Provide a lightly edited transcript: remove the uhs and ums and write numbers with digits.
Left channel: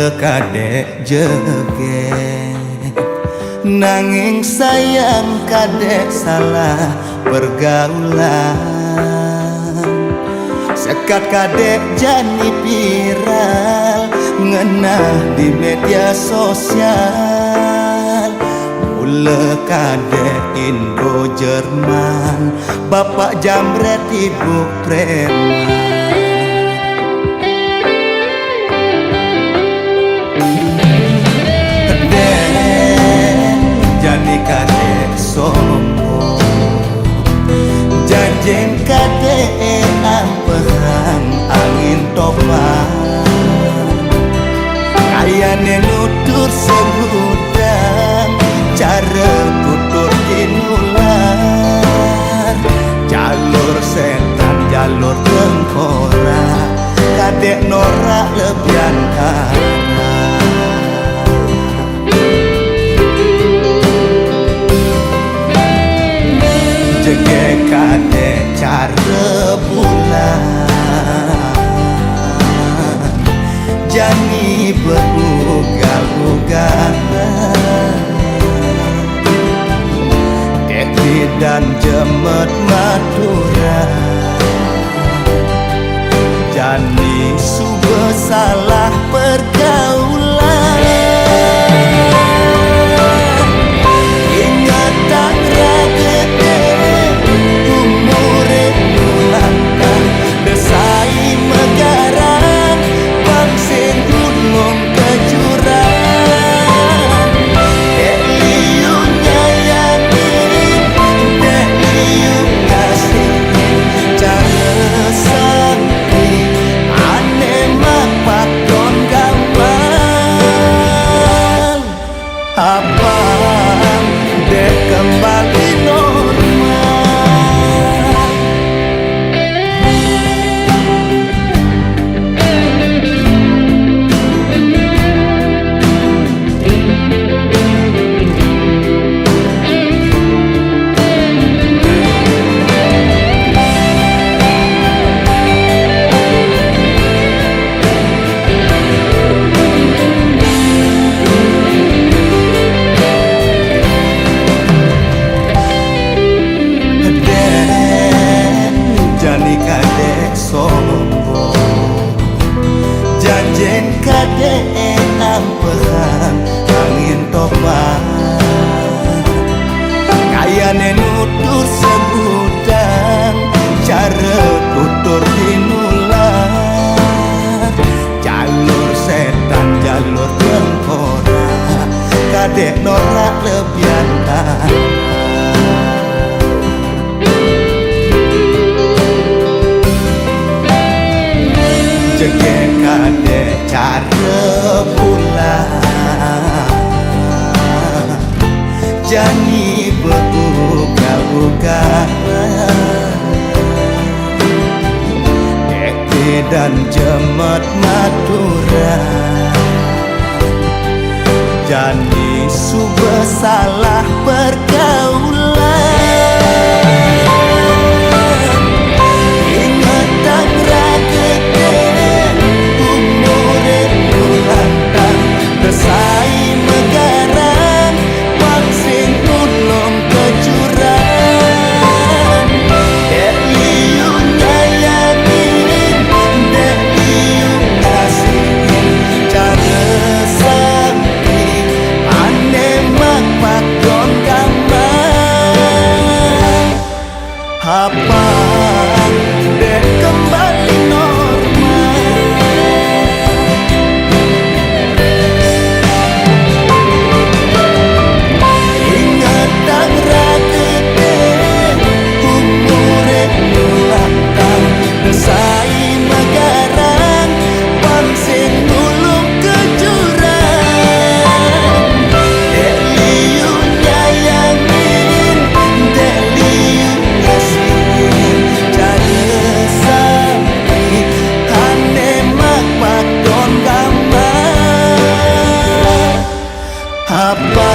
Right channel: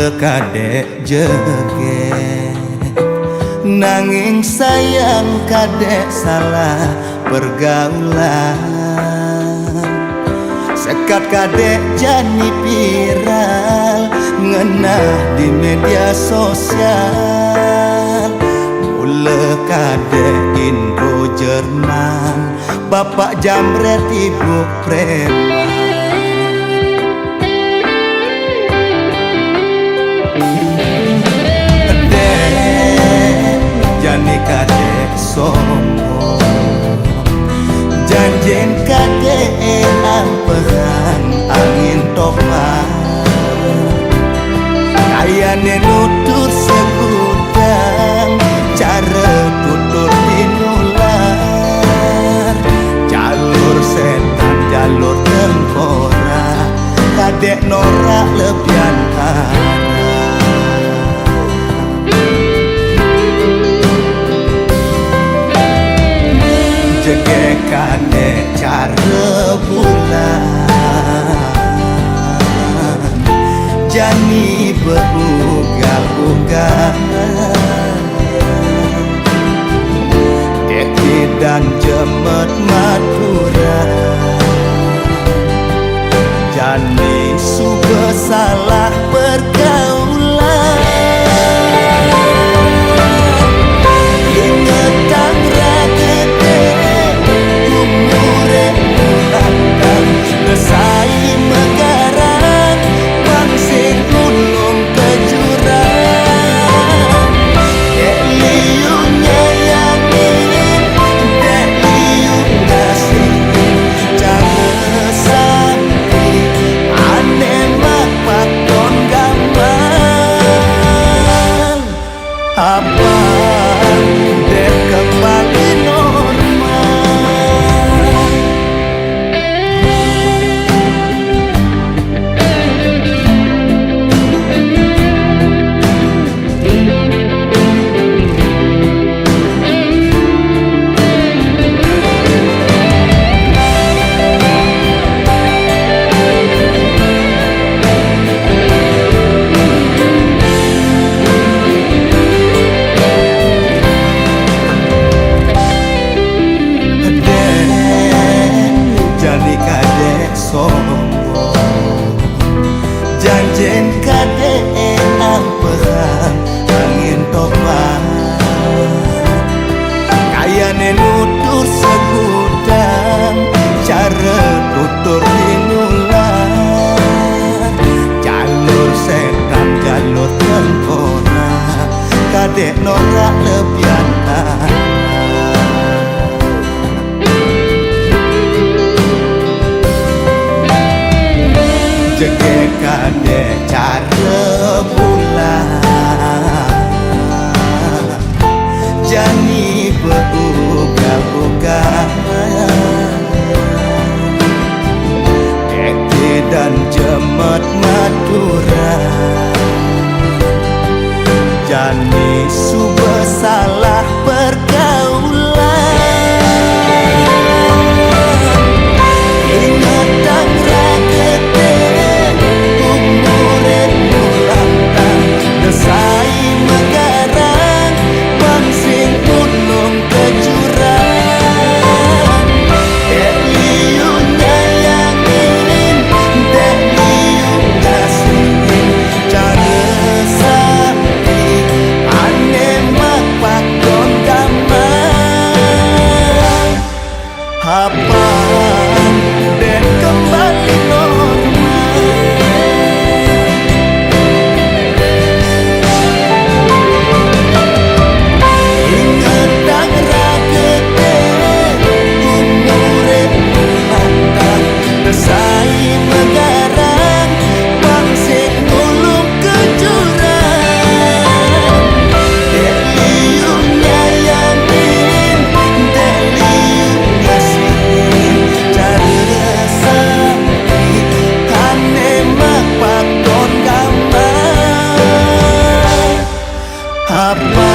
mula kadek jege nanging sayang kadek salah pergaulan. Sekat kadek jani viral ngenah di media sosial. Mula kadek Indo Jerman, bapak jamret ibu preman. Dek jani kadek sombong, janjen kadek ampehang angin topan. Kayane nutur segudang, cara tutur tinular. Jalur setan jalur tengkorak, kadek norak lebihan arah. Jege kadek cara bulan, jani beugal-ugalan. Dek dan jemet maturan, jani sube salah pergaulan. Ingat tangra gede umure nulantang, desai megarang pangsing gulung ke jurang. Dek liu nyayangin, dek liu ngasihin, cara sampai ane makpak don gamal. Apang dek kembali normal. Jani kadek sombong, janjen kadek ampehang angin topan. Kayane nutur segudang, cara tutur tinular. Jalur setan jalur tengkorak, kadek norak lebihan arah. Jege kadek cara bulan, jani beugal-ugalan. Dek dan jemet maturan, jani sube salah pergaulan. Ingat tangra gede umure nulantang, desai megarang pangsing gulung ke jurang. Dek liu nyayangin, dek liu ngasihin, cara sampai ane makpak don gamal. Hapang dek kembali normal. Ingat tangra gede umure nulantang, desai megarang pangsing ngulung ke jurang. Dek liu nyayangin, dek liu ngasihin, cara sampai ane makpak don gamal. Apa